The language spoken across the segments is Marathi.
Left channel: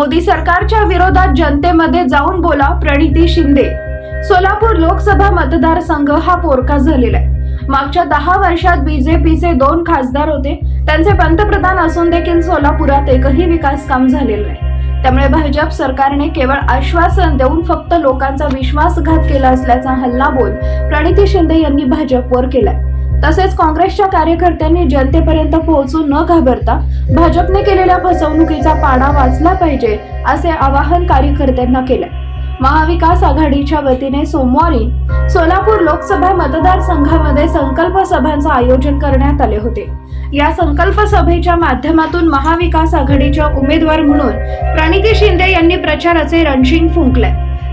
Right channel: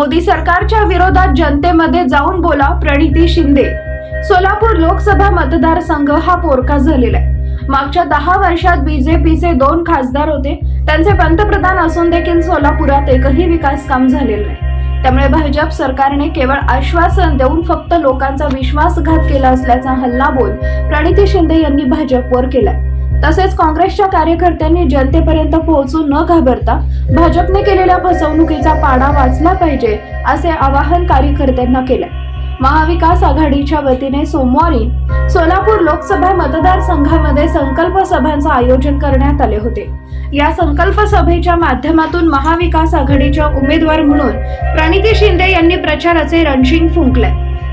मोदी सरकारच्या विरोधात जनतेमध्ये जाऊन बोला, प्रणिती शिंदे। सोलापूर लोकसभा मतदारसंघ हा पोरका झालेला आहे। मागच्या 10 वर्षात बीजेपीचे 2 खासदार होते, त्यांचे पंतप्रधान असून देखील सोलापुरात एकही विकास काम झालेलं नाही। त्यामुळे भाजप सरकारने केवळ आश्वासन देऊन फक्त लोकांचा विश्वासघात केला असल्याचा हल्लाबोल प्रणिती शिंदे यांनी भाजपवर केलाय। तसेच काँग्रेसच्या कार्यकर्त्यांनी जनतेपर्यंत पोहोचून न घाबरता भाजपने केलेल्या फसवणुकीचा पाडा वाचला पाहिजे असे आवाहन कार्यकर्त्यांना केले। महाविकास आघाडीच्या वतीने सोमवारी सोलापूर लोकसभा मतदारसंघामध्ये संकल्प सभांचे आयोजन करण्यात आले होते। या संकल्प सभेच्या माध्यमातून महाविकास आघाडीच्या उमेदवार म्हणून प्रणिती शिंदे यांनी प्रचाराचे रणशिंग फुंकले।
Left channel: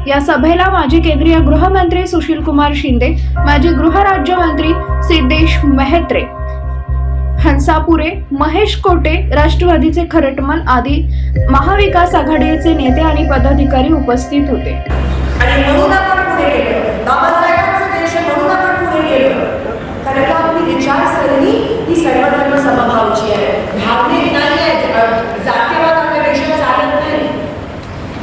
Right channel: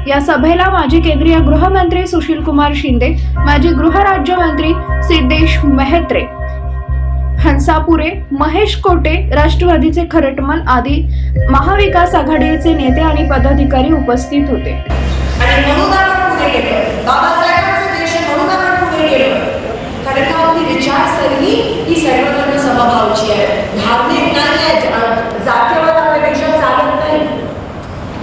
या सभेला माजी केंद्रीय गृहमंत्री सुशील कुमार शिंदे, माजी गृहराज्यमंत्री सिद्धेश मेहत्रे, हंसापुरे, महेश कोटे, राष्ट्रवादीचे खरटमल आदी महाविकास आघाडीचे नेते आणि पदाधिकारी उपस्थित होते। आणि म्हणून आपण पुढे गेलो, बाबासाहेबांचा देश म्हणून आपण पुढे गेलो, कारण का आपली विचारसरणी ही सर्वधर्म समभावाची आहे, धार्मिक नाही आहे, जातीयवाद आपल्या देशात चालत नाही।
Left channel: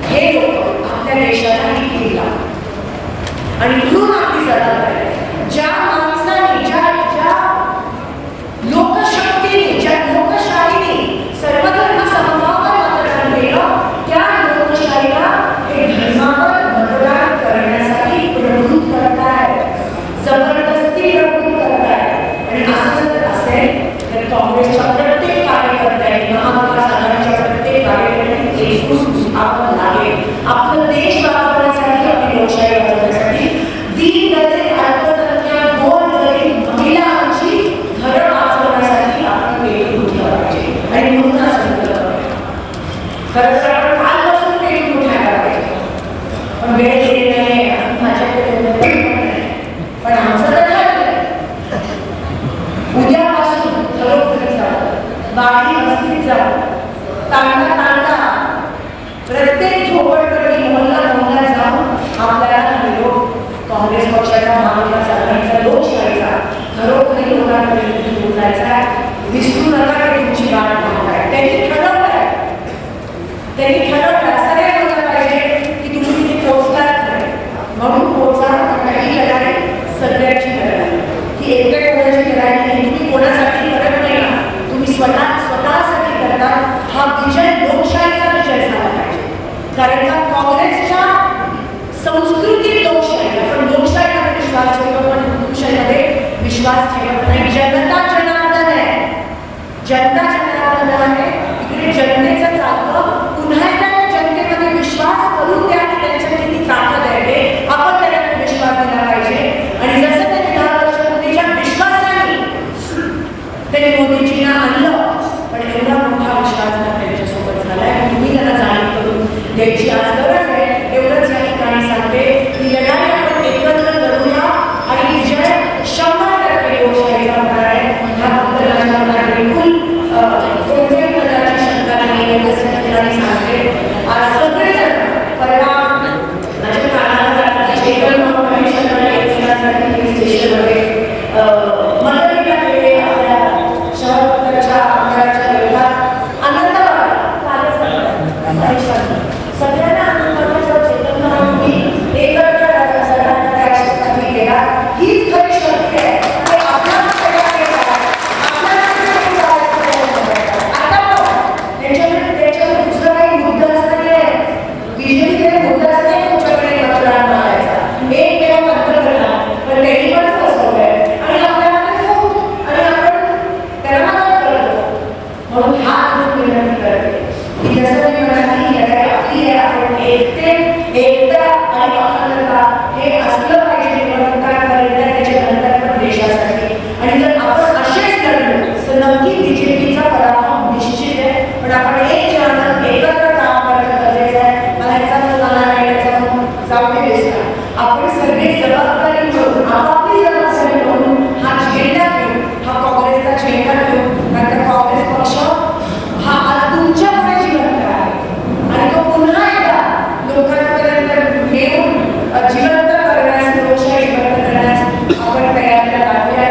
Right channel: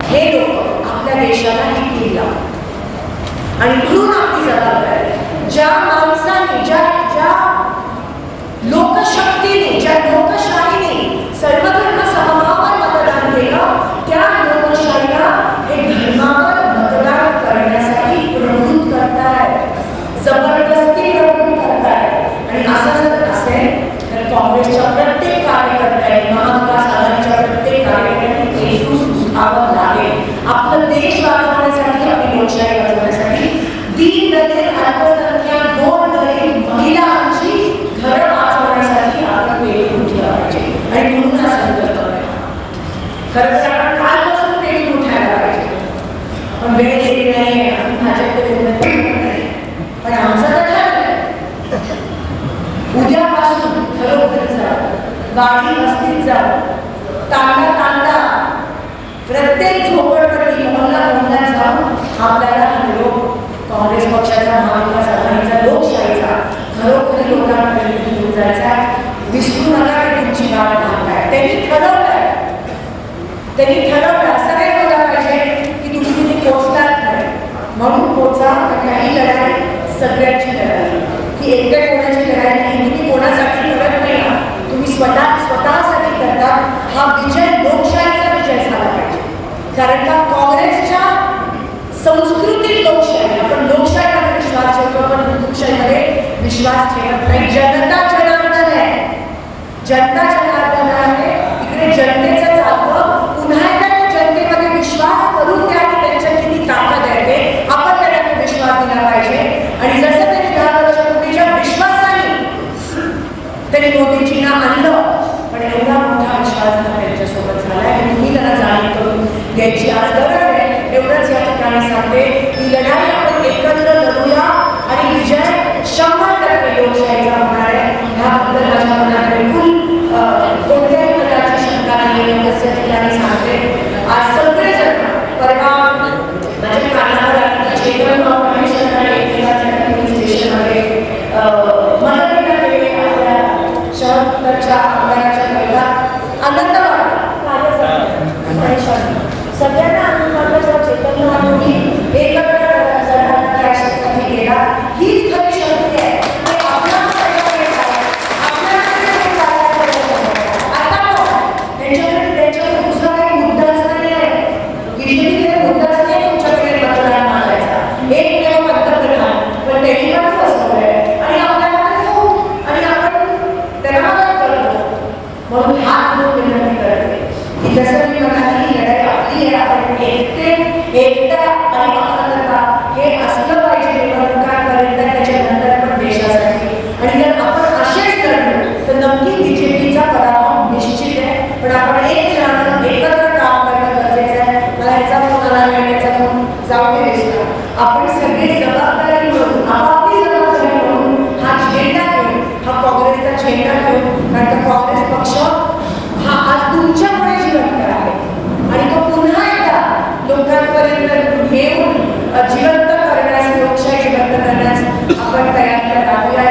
हे लोक आपल्या देशाला ही कीड लावतात आणि म्हणून आपली जबाबदारी ज्या माणसाने ज्या लोकशक्तीने ज्या लोकशाहीने सर्वधर्म समभावावर मतदान केलं, त्या लोकशाहीला हे धर्मावर मतदान करण्यासाठी प्रवृत्त करतायत, जबरदस्ती प्रवृत्त करतायत। आणि असं जर असेल तर काँग्रेसच्या प्रत्येक कार्यकर्त्यांनी, महाविकास आघाडीच्या प्रत्येक कार्यकर्त्यांनी एकजूट व्हावं लागेल। आपला देश वाचवण्यासाठी, आपली लोकशाही वाचवण्यासाठी, दीन दलित, अल्पसंख्याक, गोर दलित महिलांची घरं वाचवण्यासाठी आपण एकजूट उठलं पाहिजे। आणि म्हणून हा संकल्प खरं तर आपण कालपासून एकजूट उठायला पाहिजे, पण वेळ गेली नाही, माझ्याकडे पण आमचं तर ठरलंय उद्यापासून घरोघरी जाऊ, वाडी वस्तीत जाऊ, तांडा तांडा प्रत्येक झोपडपट्टी मोहल्ला मोहल्ल्यात जाऊन आपल्याला निरोप काँग्रेस पक्षाचा, महाविकास आघाडीचा, लोकशाहीचा घरोघरी लोकांपर्यंत घेऊन जायचा आहे। विसरू नका की तुमची वाट पाहताय। त्यांनी ठरवलंय असं नाही व्हायला पाहिजे की तुम्ही तिथे पोहोचलाच नाही म्हणून पोहोचा। ही लढाई सगळ्याची लढाई, की एकट्या कोणाची लढाई नाही, तुम्ही कोणासाठी करत नाही ना, तुम्ही स्वतःसाठी करतात। हा विजय लोकशाहीचा विजय झाला पाहिजे, कारण का काँग्रेसच्या संस्कृतीत लोकशाही, आपण लोकशाहीमध्ये विश्वास ठेवतो पण हिंदुशाहीमध्ये विश्वास ठेवत नाही। जनता जनार्दन आहे, जनता जनार्दन आहे, इकडे जनतेचं चालतं। पुन्हा एकदा त्या जनतेमध्ये विश्वास करून द्या की त्यांच्या किती ताकद आहे ते आपण त्यांना विश्वास दिला पाहिजे। आणि जसं त्यांनी 10 वर्ष मोदीच्या विश्वासाने त्यांनी मोदीजींना आणलं, पण एवढा मोठा विश्वासघात त्यांच्यासोबत झाला की तुम्ही त्यांना जाणीव करून द्यायची आज गरज आहे। एवढंच या ठिकाणी सांगते की लढाई आपण एकत्र लढूया आणि विजय 100% लोकशाहीचा होणार आहे। ह्याबद्दल राजकारणात बिलकुल कोणत्याही प्रकारची शंका नाही, एवढंच या ठिकाणी सांगते। आज सगळेजण परवा माझ्या कानावर चेतन स्टेशनमध्ये मदतीला गेले, आपल्या शहराच्या आमदाराच्या विरोधात आनंद वाटला, सगळ्यांना आनंद वाटला जेव्हा चेतन महाराजांनी एकत्र लढण्यासाठी गेला। हीच खरी शक्ती आहे। त्यांच्याकडे दुसरा काही मुद्दाच नाही आहे, बीजेपीकडे मुद्दाच नाही तुमच्याकडे मतदान मागायचा, एकमेव पंतप्रधान, पण त्यांनी पण फसवलंय आणि आपल्याकडे खूप आणि आपण त्याला मदत करतो। म्हणून हात धरून विनंती करते की जसं मी म्हणाली ही लढाई आपली आहे, आपण एकटा आणि अखंडता हे असलं पाहिजे निवडणुकांपर्यंत, त्याच्यानंतर पण देशासाठी। आणि जर आपण असेच लढलो तर नक्की बीजेपीचा पराभव निश्चित आहे, पण आपण एक राहणं एकत्र काम करणं गरजेचं आहे। मला याचा फोन आला नाही, त्याचा फोन जाऊ दे दिसला, आपण सगळे जबाबदारी म्हणून आपापली जबाबदारी म्हणून हा झेंडा घेऊन, हा काँग्रेसचा झेंडा घेऊन, कारण का काँग्रेस पक्ष हा आज तुमच्यामुळे जिवंत आहे आणि तो पुन्हा एकदा लोकांपर्यंत घेऊन जिवंत करण्यास, लोकशाही जिवंत करण्यास आपण तयार राहूया।